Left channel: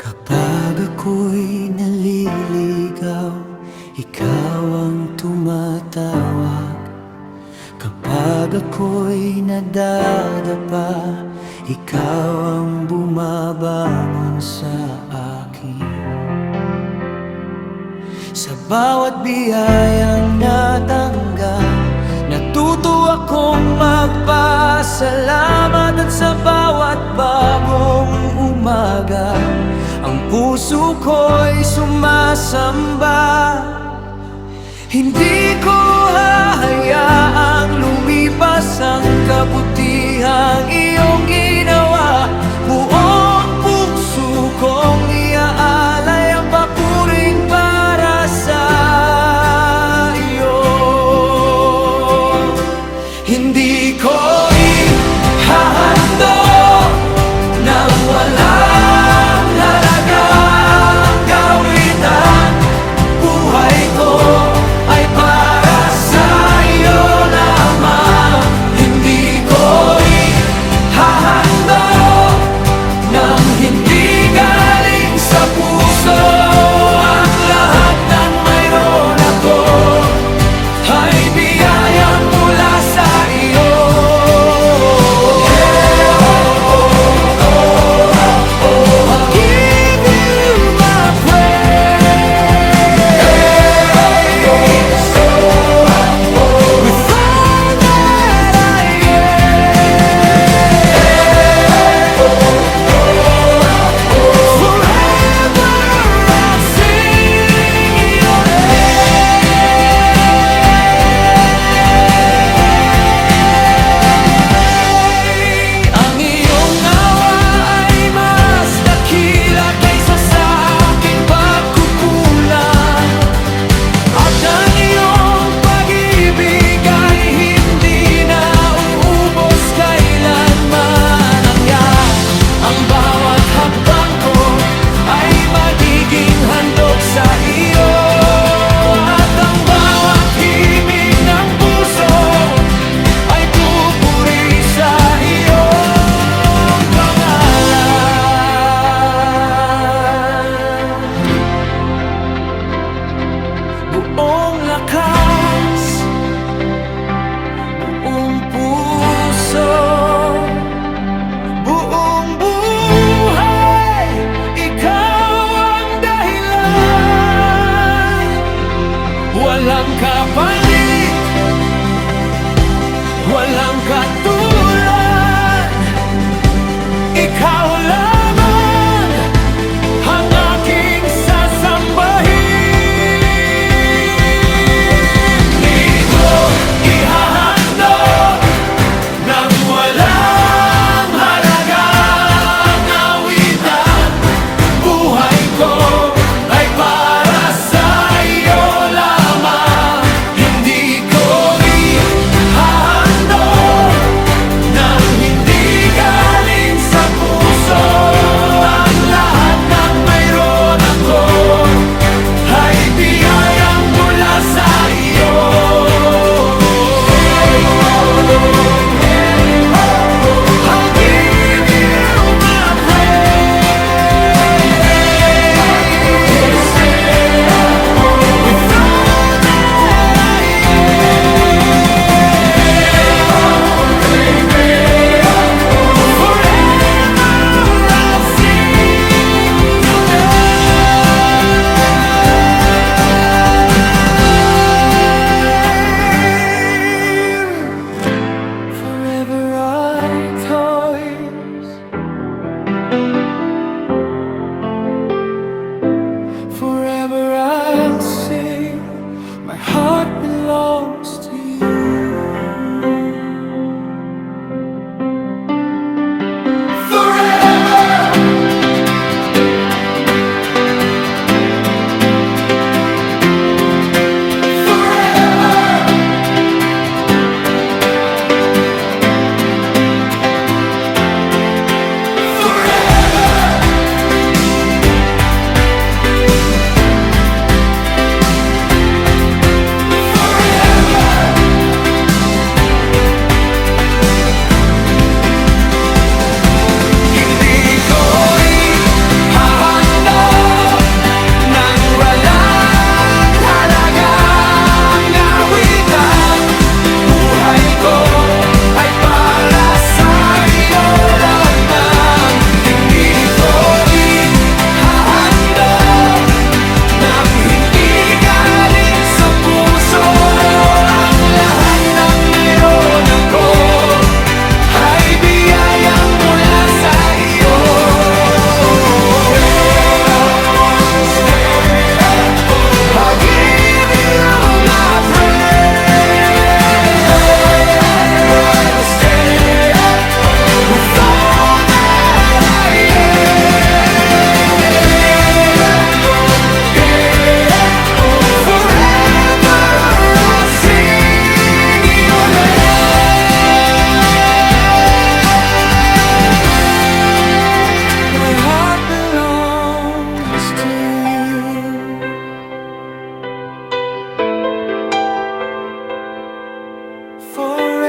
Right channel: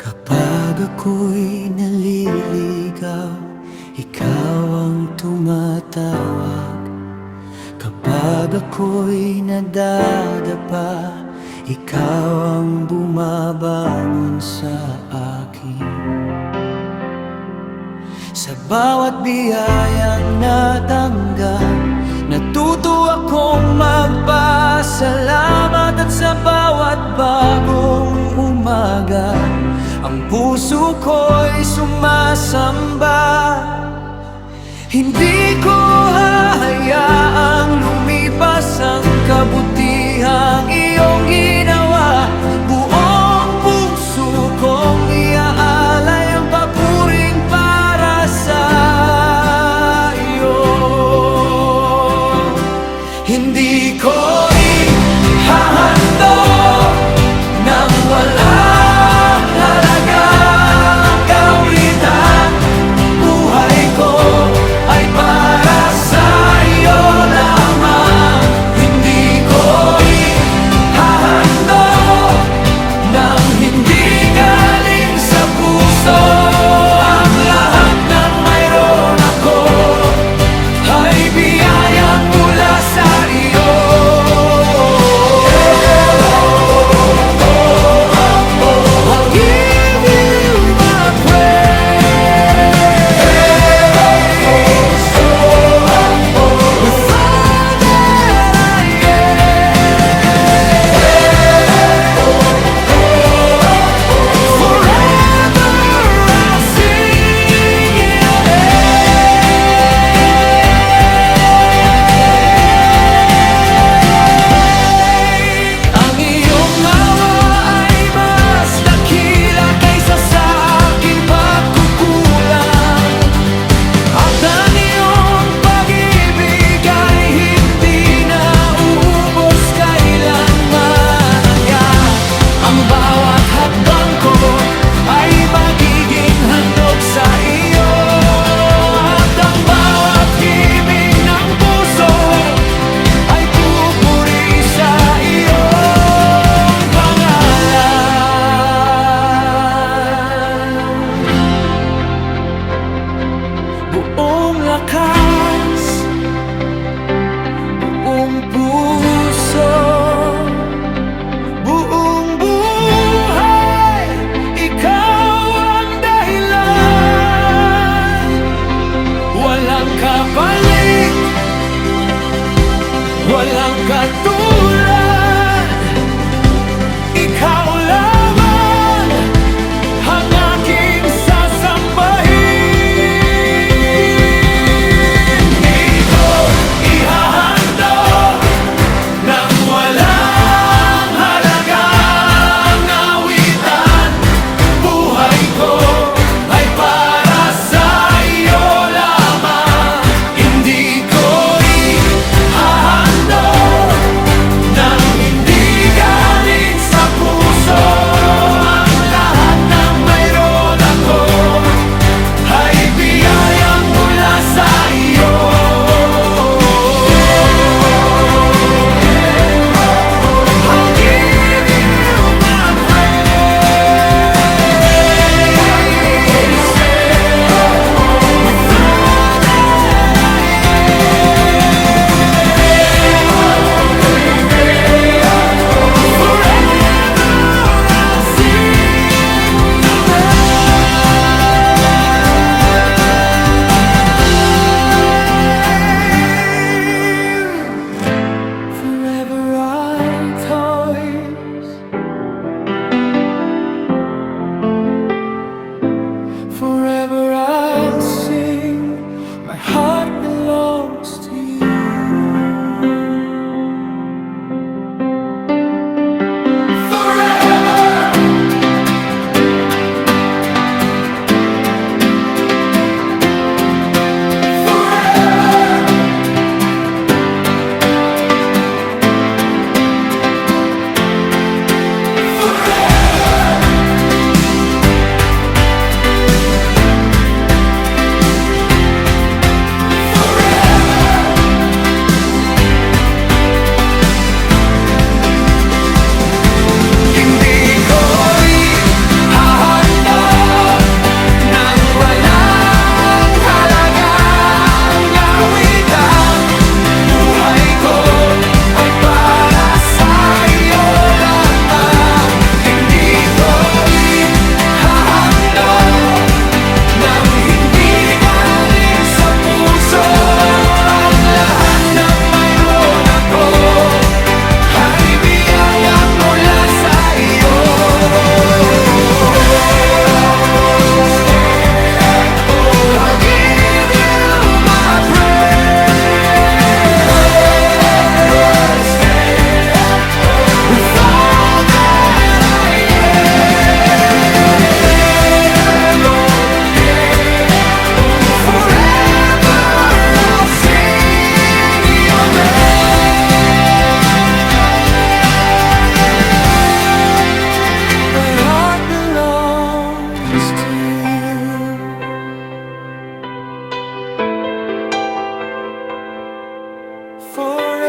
Kapag ako'y naliligaw, ikaw ang tumatawag. Kapag ako'y nadadapa, ikaw ang bumabangon sa akin. Sa bawat biyayang natanggap, natuto akong magpasalamat. At sa bawat bagong umaga, ang puso ko'y sumasamba. Hindi ko hahayaang lumipas ang kabutihang iyong ginawa. Buong puso kong iaalay ang papuring para sa iyo. Hindi ko ihahandog nang walang halagang kawitan. Buhay ko ay para sa iyo lamang. Hindi ko ihahandog nang hindi galing sa puso. Ang lahat ng mayroon ako ay biyayang mula sa iyo. I'll give you my praise with all that I am. Forever I'll sing your name. Ang iyong awa ay mas dakila kaysa sa aking pagkukulang. At ang iyong pag-ibig ay hindi na uubos kailanman. Ang bawat hakbang ko ay magiging handog sa iyo. At ang bawat himig ng puso ay pupuri sa iyong pangalan. Buong lakas, buong puso, buong buhay, ikaw ang dahilan. Walang kapalit, walang katulad. Ikaw lamang ang aking sasambahin. Hindi ko ihahandog nang walang halagang awitan. Buhay ko ay para sa iyo lamang. Hindi ko ihahandog nang hindi galing sa puso. Ang lahat ng mayroon ako ay biyayang mula sa iyo. I'll give you my praise with all that I am. Forever I'll sing your name. Forever I toys. Forever I'll sing. My heart belongs to you. Forever. Forever. Forever. Forever. forever.